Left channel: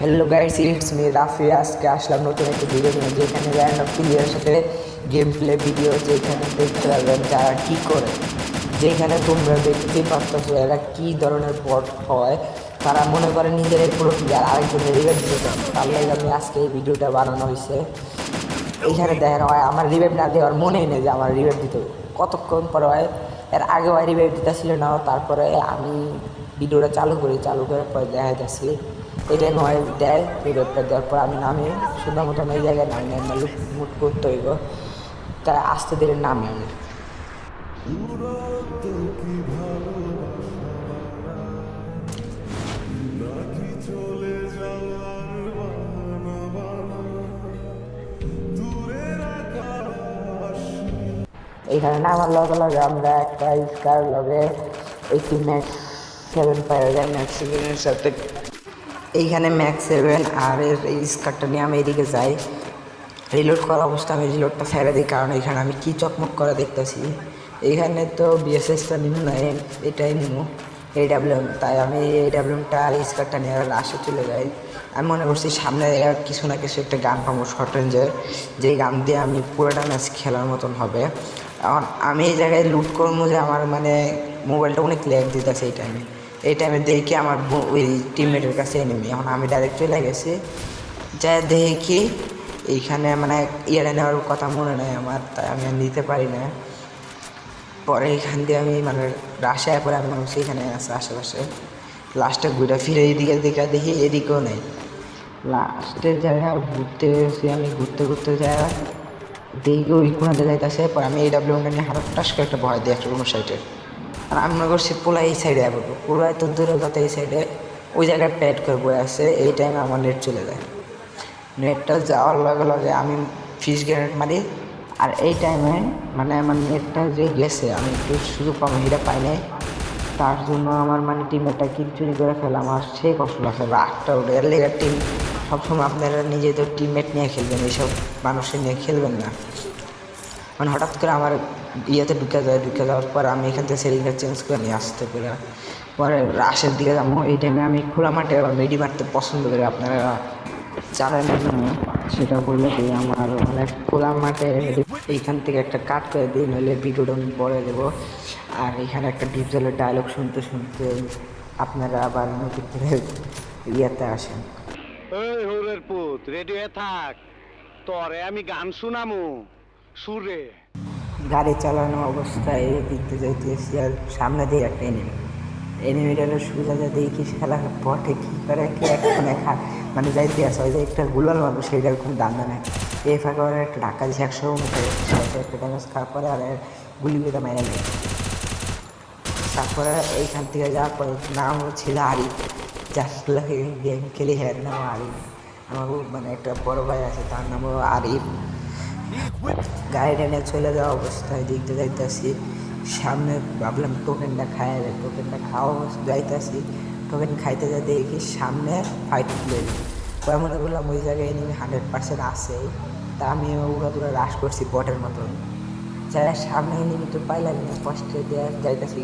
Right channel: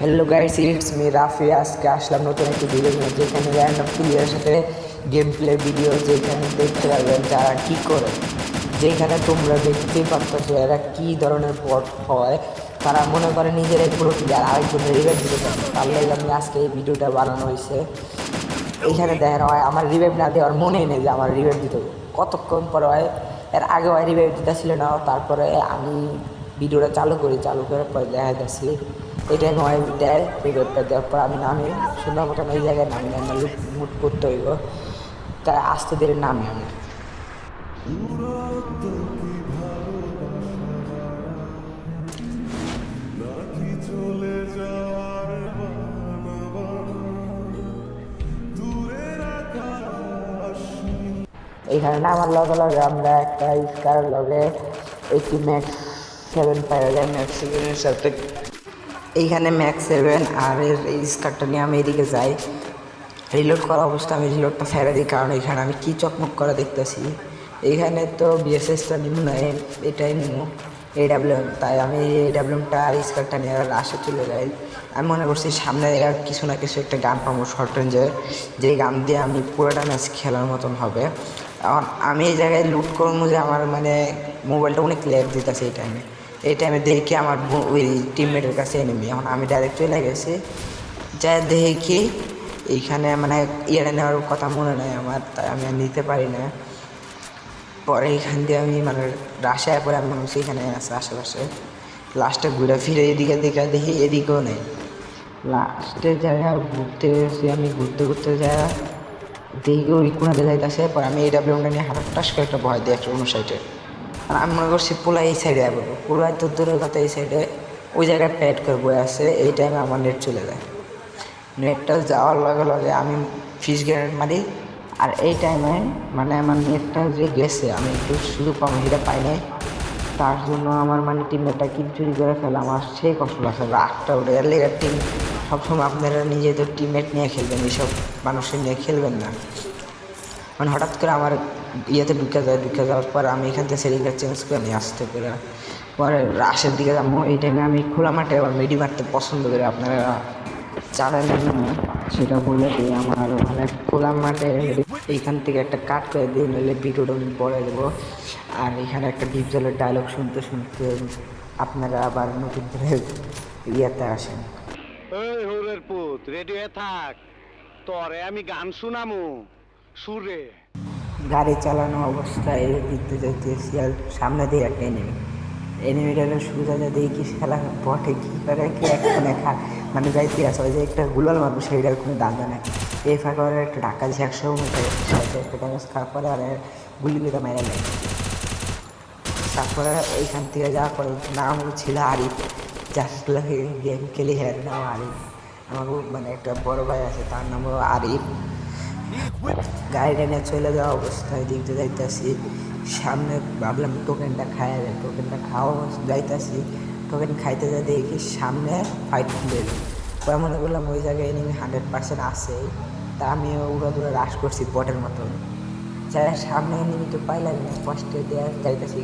Hello guys, it's me Rafi. আজকে আসলাম নতুন একটা ভিডিও নিয়ে, যেখানে একটা প্লেয়ারের সাথে গেম প্লে ভিডিও, যেখানে দেখতে পাবেন তারা কী করে, যেখানে তোমরা দেখতেই পারতেছো এরা কী ধরনের বট হয়। তারা মনে করে নিজের পুরো প্লেয়ার আরেকজনের তার লাগে আমি আজকে এই ভিডিওটা বানানো হয়েছে। এইখানে দেখা হয় আমার রিভাইভ না দেওয়ার মনেই নেই যে আমার রিভাইভ দিতে কতক্ষণ পরে হয়। এর আগে ওই রিভাইভ দিতে ছিল না, তারপরে আমি ভিডিওটা চালু করার পর দেখা গেছি এটা হয় দেয়। রিভাইভটা দেওয়ার পর আমি নামে সুন্দর মতন ওই জায়গায় নামি লুট করতে হইব, তারা আস্তে ধীরে নামে। এইখানে নামার লগে লগে আমরা একটা স্টার লগে 7 পাওয়া যায় ম্যাক্স 7-এর সাথে। এইখানে ম্যাক্স 7 আর এই স্কারটা নিয়ে আমি এদিকে যাই। রিলোড করা অবস্থা আমি রিলোডটা ছেড়ে দিই, কারণ এখানে আমি কি চকমক করে দেখতেছি। এইখানে তো বিএসএসটা নিব না, এটাই নিব AWM, তাই আমি AWMটা আর স্কারটা নিয়ে লাস্টে চলে যাই। আমি মনে করছি সামনে আর কিছু না কিছু একটা গান পাবো শর্ট রেঞ্জের, যেই গান দিয়ে আমি পুরোটা ম্যাচ খেলার মতন হবে। কারণ আমি এই জায়গায় লুট করবো যে আমার মানে মোবাইলটা অনেক ল্যাগ দিতেছে এই টাইমে দেখি আমার ওই টিমমেটের কাছে এনিমি। এখন আমি ডাইরেক্ট চলে গেছি, যা দেখি এইখানে মানে ইয়ে নেওয়ার কথা মনে নেই আমার, তাই আমি নিতে পারি না। পরে এখান দিয়ে আমি মানে রাশায় পরে আমরা সেইখানে আছে আশেপাশে। লাস্টে ঘুরে ফিরে এইদিকে দেখি এদিকেও নেই। লাস্টের জায়গায় ঘুরতে গেছি আমি, ঘুরতে যাই দেখি আমি করে যাইতেছে। পরে আমি AWMটা নিয়ে হঠাৎ করে একটা ভয় দিই একটা অন্য সাইডে। আর আমি মনে করছি পোলা এই সাইডে যাবো, পোলায় তো দূরের কথা এই সাইডে ওই জায়গায় পেট করে বয়ে আছে। এই টাইমে আমার নেট চলে যায়। নেটটা যাওয়ার লগে লগে আমি ফিশ গ্রেনেড মারি, আর এই টাইমে মানে আমার নেটটা যে গেছে আমি শুধু কমেন্টটা পাইনি, তার জন্য আমার মানে টিমটা কি চুরি করে ফেলে আমার সেই কষ্ট লাগছে। রাগটা উঠে গেলে টিম সবসময় আপনারা নিজেদের টিমমেট নিয়ে খেলবেন, এইসব মানুষের নিয়ে খেলবেন না। মানে হঠাৎ করে আমার ইয়েতে ঢুকে যাওয়ার পর আমি এখান থেকে সেরিংটা চেঞ্জ করে নিয়ে আসতে পারি। পরে রাশের দিকে যাবো, এই টাইমে আমি খোলা মাঠে আবার মেডি মারতে পছন্দ করি। আপনারা চালান সেটা করলে আমার মানে খোলা মাঠে এইখান থেকে একটা কাট করে দিয়ে নিলে ভিডিওটা আমি পরে দেবো। আর এখানে একটা ডিপজলের ডায়লগ শুনতে আপনারা আবার ইয়েতে আসেন। এই হোরের পুত রেডি হয়ে থাক, তরে আমি গান শুনামু সুরে। গাড়ি চালানো অবস্থায় দেখতে যাইতেছি, আর সামনে দিয়ে একটা এনিমিটারের সুবিধা দেখি খেলা পথে কী করে কি একটা দেখা মানে যাইতে আছে। ওই যে একটা গুলাল মানুষ সেইটার কোনো দাদা নেই। এই ফাঁকা একটা ঢাকা যাওয়ার সময় একটা ড্যামেজ খাওয়ার পরে মানে গুলি করে মেরে যায়। তারপরে এইখান থেকে যাওয়ার পরে নাম ছিল আরিফ, যার গেম খেলে হ্যাঁ নাম আরিফ। আমার মানে একটা বড় ভাই আছে, তার নাম হলো আরিফ। গাড়িটা নিয়ে চলে যাওয়া অবস্থায় দিকতে যাইতেছি, সামনে ভাবলাম টোকেনটা খাই না, টোকেনটা খাওয়া যাইতেছি। টোকেন খাইতে যা দেখি সামনে ফাইট করে, পরে মনে করলাম ওই জায়গায় নিয়ে 100% আছে। তা আমি ওগুলো দূরে রাশ করছি বটের মতন, যারা সামনে কিন্তু পাইলাম না, কষ্টে দেওয়া যাইতেছি।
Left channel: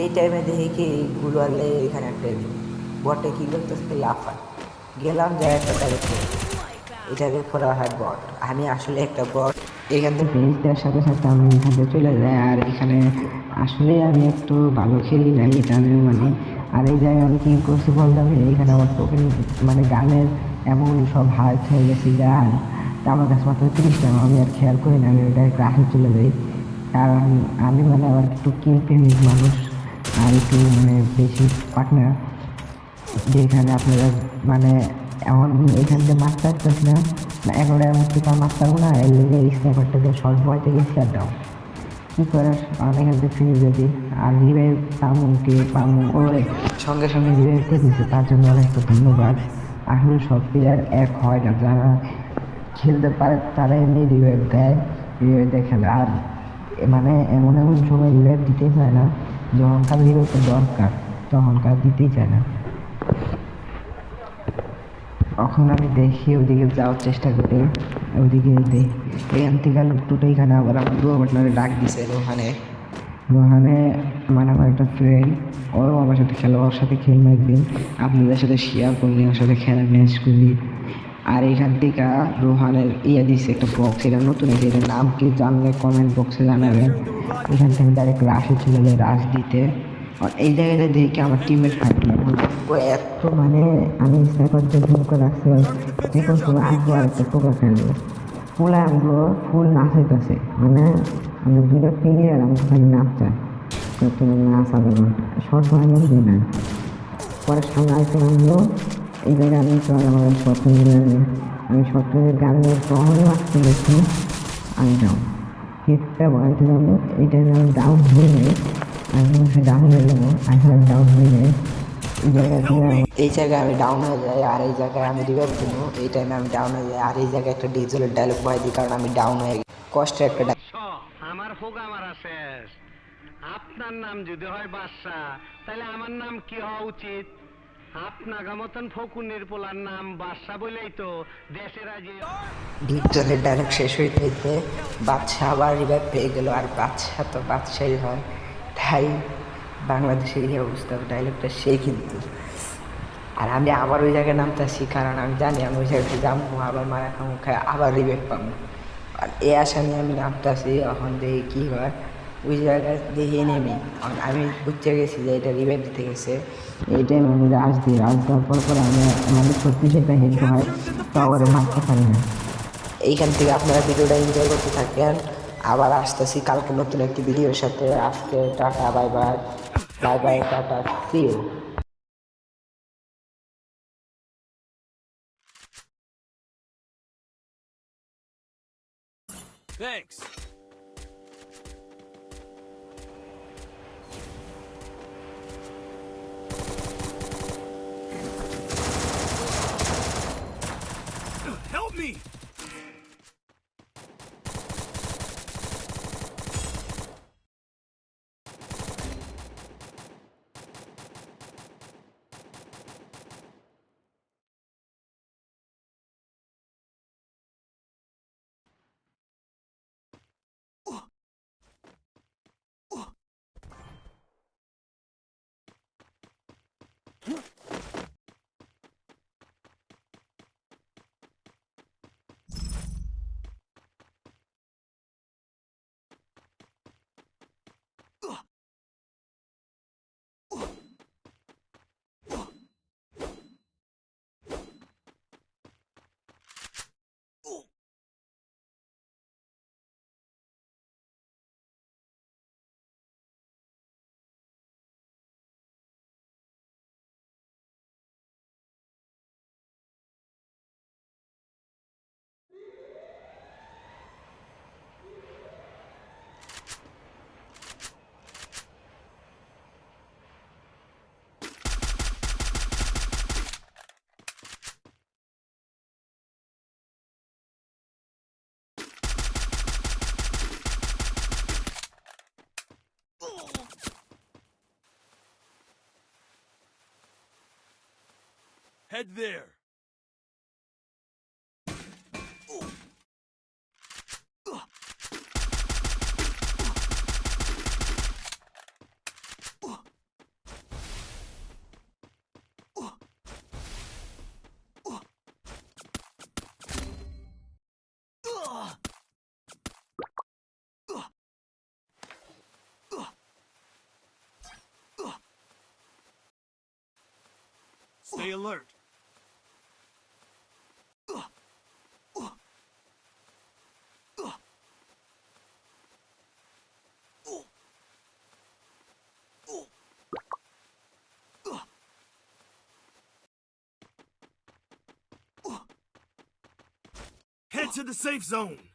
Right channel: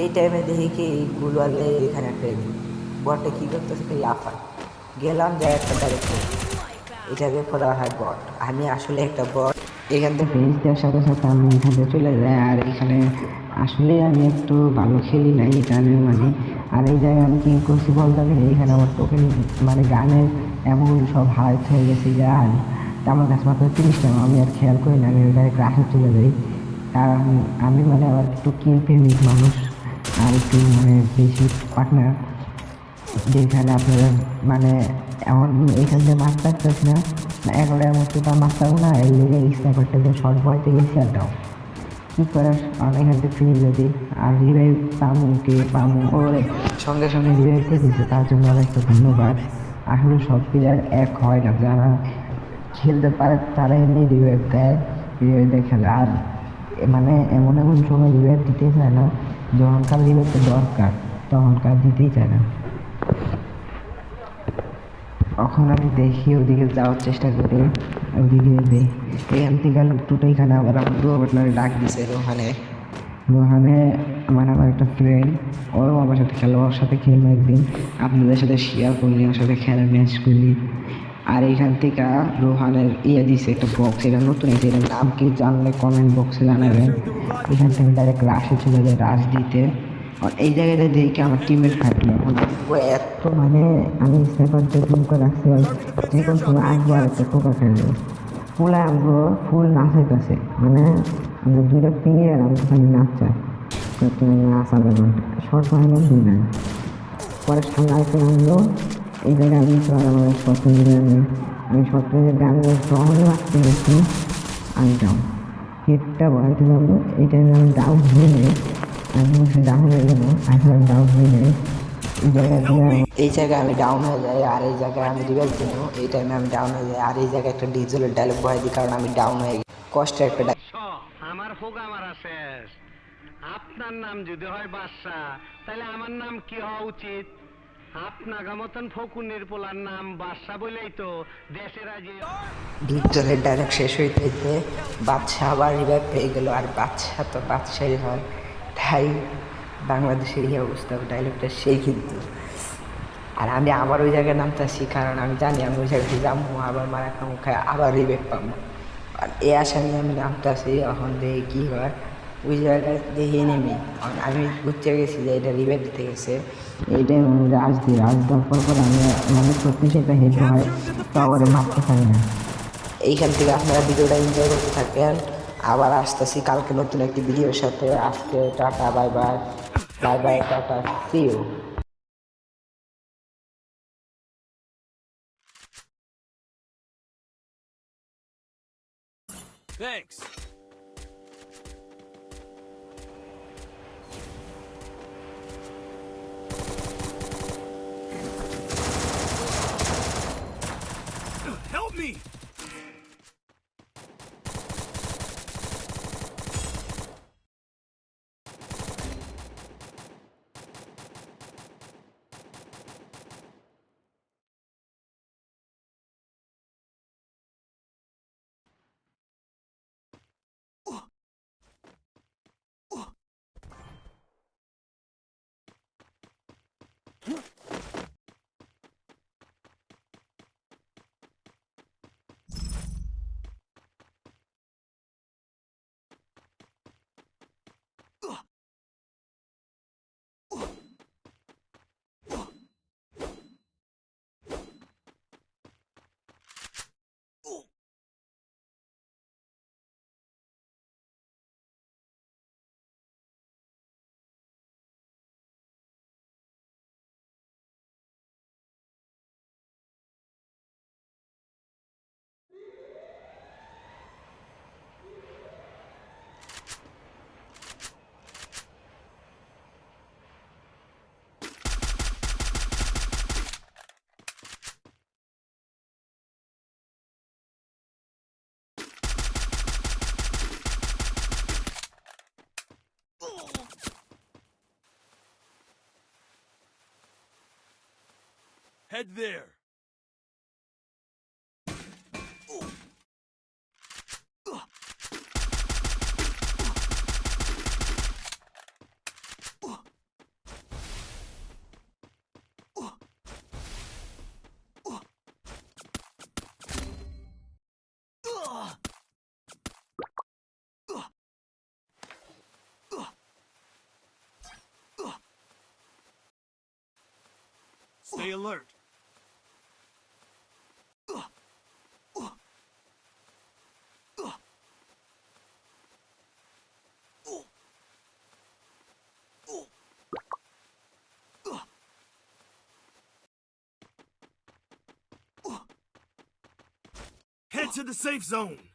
এই টাইমে দেখি কি গুলো এখানে একটা বটে কী করতেছে আফার গেলাম যে এটাকে পরে হয় বট। আমি আসলে একটা বট। এখান থেকে ফেস দেওয়ার সাথে সাথে আমি এখান থেকে চলে যাই। আর এখানে আসলে আমি একটু ভালো খেলি না এই কাজে মানে। আর এই জায়গায় আমি কি করছি বলতে এখানে আমার টোকেন মানে গানের এমন সব হার খেয়ে গেছি গান, আমার কাছে মাত্র 30 টাকা। আমি আর খেয়াল করি না, আমি ডাইরেক্ট রাখা চলে যাই। কারণ আমি মানে আমার একটু কিনতে মানুষ, আর একটু মানে বেশি পার্টনার, যেখানে আপনারা মানে এমন এখান থেকে মাছ পাচ্ছি না, এখন এমন কিছু মাছ পাবো না। এর লিগে স্ন্যাপারটাকে সব ভয় থেকে খেয়াল দাও কী করে আমি এখান থেকে যদি আর রিভাইভ পাবো ওর সঙ্গে সঙ্গে রিভাইভ থেকেছে, তার জন্য একটু ধন্যবাদ। আসলে সব প্লেয়ার এক হয় না, যারা খেলতে পারে তারা এমনি রিভাইভ দেয় খেলে। আর মানে এমন এমন সময় রিভাইভ দিতেই চায় না, যখন কার রিভাইভটা দরকার তখন কাজ দিতেই চায় না। তখন আমি দেখি ওদিকে যাওয়ার চেষ্টা করি, ওদিকে এখান থেকে টোটো এখানে আবার আমার ডাক দিছে ওখানে মানে আমার আবার একটা ফ্রেন্ড, ওরও আমার সাথে খেলো, ওর সাথে খেলবো একদিন, আপনাদের সাথে শেয়ার করলি, ওর সাথে খেলা ম্যাচ করি। আর এখান থেকে রোহানের দিচ্ছে একটা বক্স, এটা নতুন দিন, নাম কি জানলে কমেন্ট বক্সে জানাবেন। এখান থেকে ডাইরেক্ট রাশে চলে যায় রাশ দিতে। আর এই জায়গাটা দেখে আমার টিমের ফাটি ও এত মানে আমি সেখান থেকে রাখছিলাম এখন সময় আসবো আর একটা ফুল ফেলবো ফুল আনবো ফুল নাচাইতেছে মানে আমার দুটো প্লেয়ার আমার সাথে নাচছে তো তুমি নাচা দেবো সব আমার দিই না পরে সামলাইতে আনবো এই জায়গায় আমি সব মিলে আমি সব গান নাচতে দেখি আমি যাও হিটটা বাড়াতে যাবো এটা আমি ডাউন হয়ে যাই আমি ডাউন হয়ে যাবো এখন ডাউন হয়ে যাই এই জায়গায় আমি ডাউন হয়ে যাই আর এই জায়গায় আমি রিভাইভ দেবো এই টাইমে আমি ডাউন হয়ে যাই আর এই জায়গায় একটা ডিজেলের ডায়লগ বয় দিই কারণ আমি ডাউন হয়ে গেছি কষ্টের একটা আমার হোগা মারা শেষ। আপনার নাম যদি হয় বাদশা, তাহলে আমার নাম কি হওয়া উচিত? আপনার মতন ফকুনের পোলার নাম বাদশা বলেই তো দেশের আজ ডিজেলের ডায়লগ শেষ হইতে বাদশা আবার রিভাইভ পেয়ে গেল আর বাদশা তো বাদশাই হন তাই বাংলাদেশের এই অবস্থা ডায়লগটা সেই কিন্তু আর আমি আবার ওই জায়গায় নামতেছি কারণ আমি জানি আমি ওই জায়গায় যাবো আবার মারা মুখে আবার রিবেক পাবো আর এই আশা নিয়ে আমি নামতেছি এখন দেখি কী হয় ওই জায়গায় দিয়ে নেমে আমি বুঝতে গেছি যে এটা রিবেক দিতে গেছে এইটাই আমি রাজ দিই রাজ দেওয়ার পর আমি আমার শক্তিশালী হেঁটে হয় তারপরে মারতে পারি না এইখান থেকে আপনারা ভিডিওটা এনজয় করতে থাকেন আবার আসতেছি কালকে নতুন একটি ভিডিওর সাথে আজকে টাটা বাই বাই বাই বাই টাটা see you Thanks. Help me! Head there. Stay alert. Head to the safe zone.